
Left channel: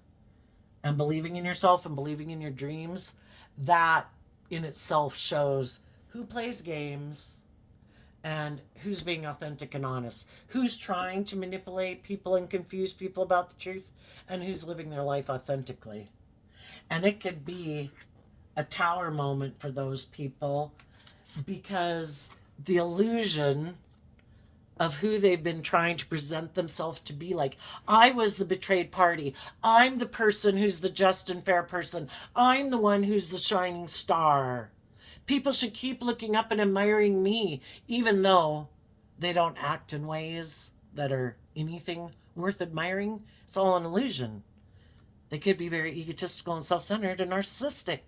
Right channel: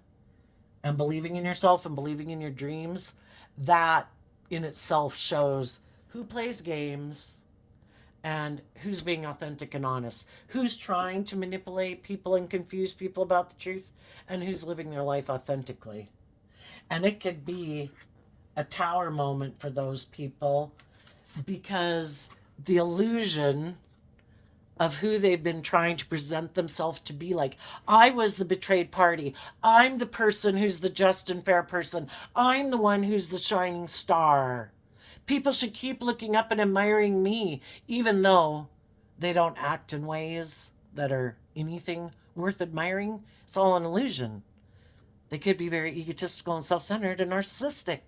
and believing in yourself and believing in your dreams, that in itself shows who plays games and who's being authentic and honest, who's trying to manipulate people and confuse people about the truth, and who's living their life authentically. And it could be a tower moment for those people, because the illusion of who they've been trying to present themselves to be, like, I was the betrayed party, I'm the person who's the just and fair person, I'm the one who's the shining star. People should keep looking up and admiring me, even though they don't act in ways that are anything worth admiring. It's all an illusion. They could be very egotistical and self-centered and narcissistic.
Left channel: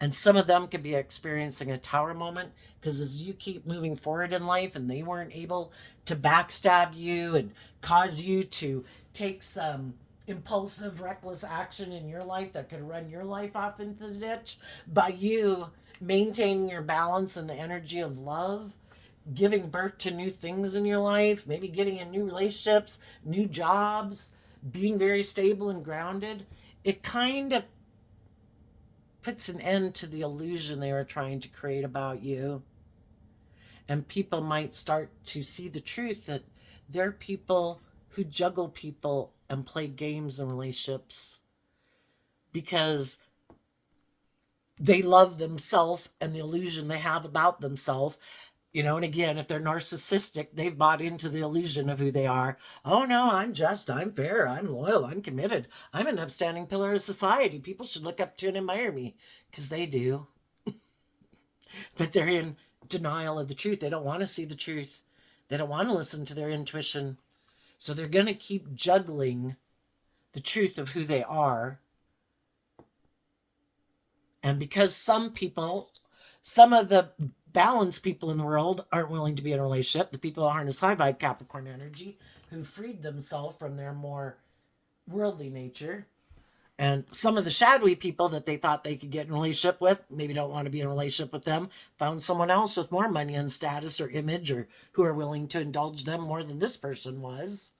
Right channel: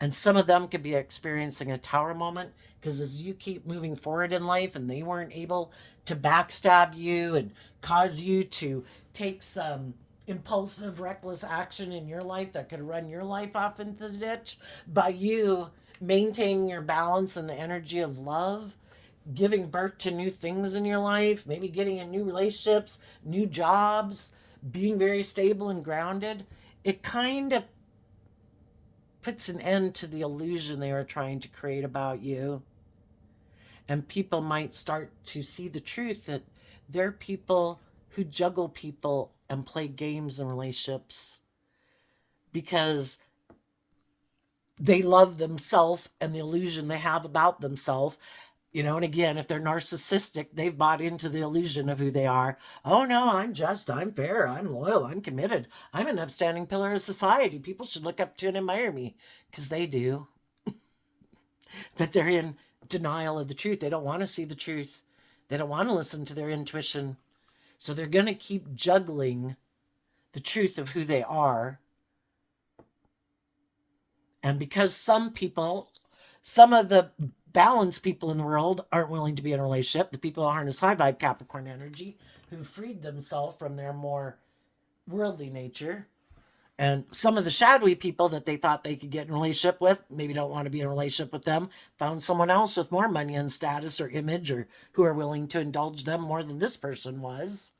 And some of them could be experiencing a tower moment because as you keep moving forward in life and they weren't able to backstab you and cause you to take some impulsive, reckless action in your life that could run your life off into the ditch, by you maintaining your balance and the energy of love, giving birth to new things in your life, maybe getting in new relationships, new jobs, being very stable and grounded, it kind of puts an end to the illusion they were trying to create about you. And people might start to see the truth that they're people who juggle people and play games in relationships because they love themselves and the illusion they have about themselves. And again, if they're narcissistic, they've bought into the illusion of who they are. Oh no, I'm just, I'm fair, I'm loyal, I'm committed, I'm an upstanding pillar of society. People should look up to and admire me, because they do. But they're in denial of the truth. They don't want to see the truth. They don't want to listen to their intuition. So they're going to keep juggling the truth of who they are. And because some of the balanced people in the world aren't willing to be in a relationship, the people who harness high vibe Capricorn energy, who freed themselves from their more worldly nature, and some of the shadowy people that they thought they could get in a relationship with, maybe don't want to be in a relationship with them, found someone else with more money and status or image, or who are willing to indulge them more than this person was.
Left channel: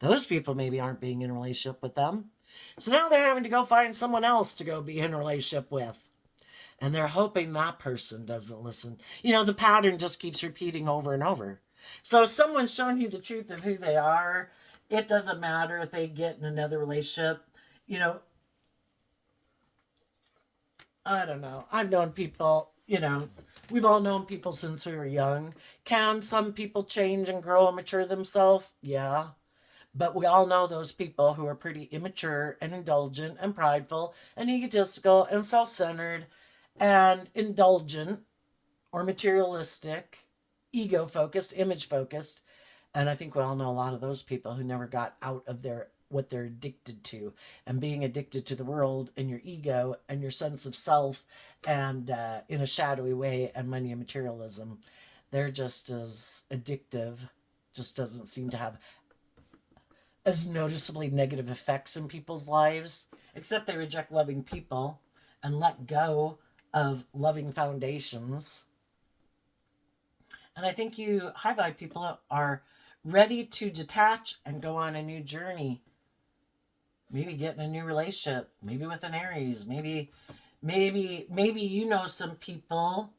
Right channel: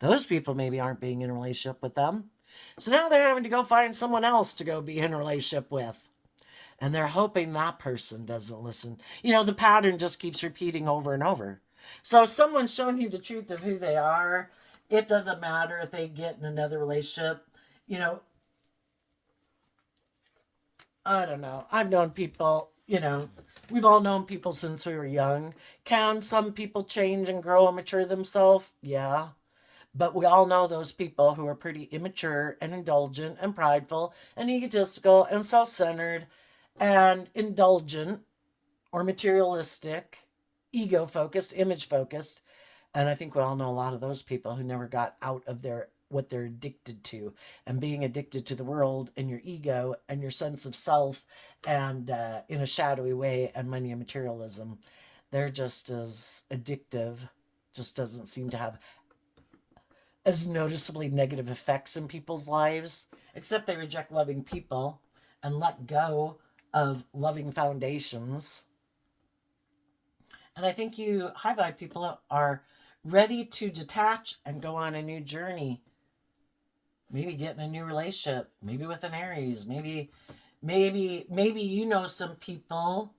Those people maybe aren't being in a relationship with them. So now they're having to go find someone else to go be in a relationship with. And they're hoping that person doesn't listen. You know, the pattern just keeps repeating over and over. So if someone's showing you the truth of who they are, it doesn't matter if they get in another relationship. You know, I don't know. I've known people, we've all known people since we were young. Can some people change and grow and mature themselves? Yeah. But we all know those people who are pretty immature and indulgent and prideful and egotistical and self centered and indulgent or materialistic, ego focused, image focused. And I think we all know a lot of those people who never got out of their what they're addicted to, and being addicted to the world and your ego and your sense of self, and in a shadowy way, and money and materialism. They're just as addictive, just doesn't seem to have as noticeably negative effects in people's lives, except they reject loving people and let go of loving foundations. And I think you high vibe people are ready to detach and go on a new journey. Maybe get in a new relationship, maybe with an Aries, maybe you know some people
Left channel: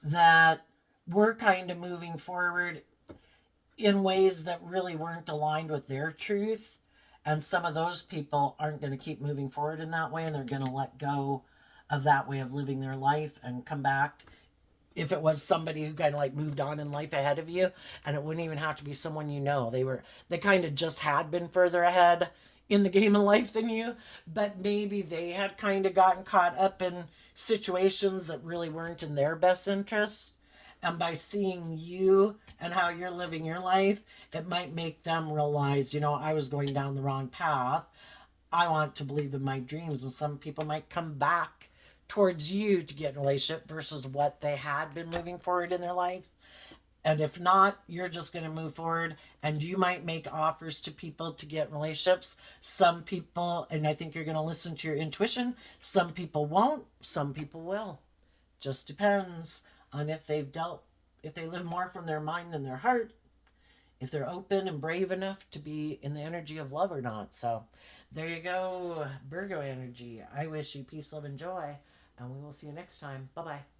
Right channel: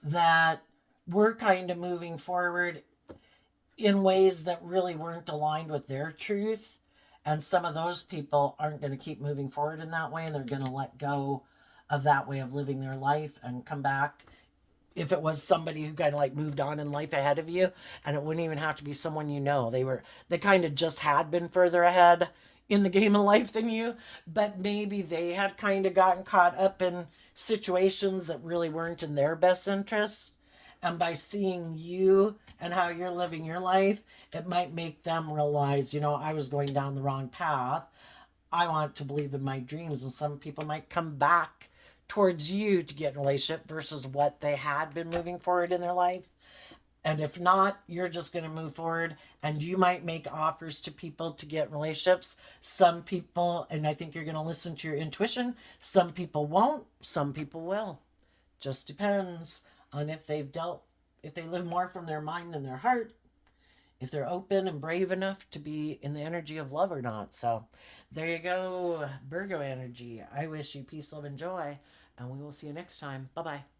that were kind of moving forward in ways that really weren't aligned with their truth. And some of those people aren't going to keep moving forward in that way, and they're going to let go of that way of living their life and come back. If it was somebody who kind of like moved on in life ahead of you, and it wouldn't even have to be someone you know, they kind of just had been further ahead in the game of life than you, but maybe they had kind of gotten caught up in situations that really weren't in their best interests. And by seeing you and how you're living your life, it might make them realize, I was going down the wrong path. I want to believe in my dreams. And some people might come back towards you to get in a relationship versus what they had been moving forward in their life. And if not, you're just going to move forward, and you might make offers to people to get in relationships. Some people, and I think you're going to listen to your intuition, some people won't, some people will. Just depends on if they live more from their mind than their heart, if they're open and brave enough to be in the energy of love or not. So there you go, Virgo energy. I wish you peace, love, and joy, and we will see you next time. Bye bye.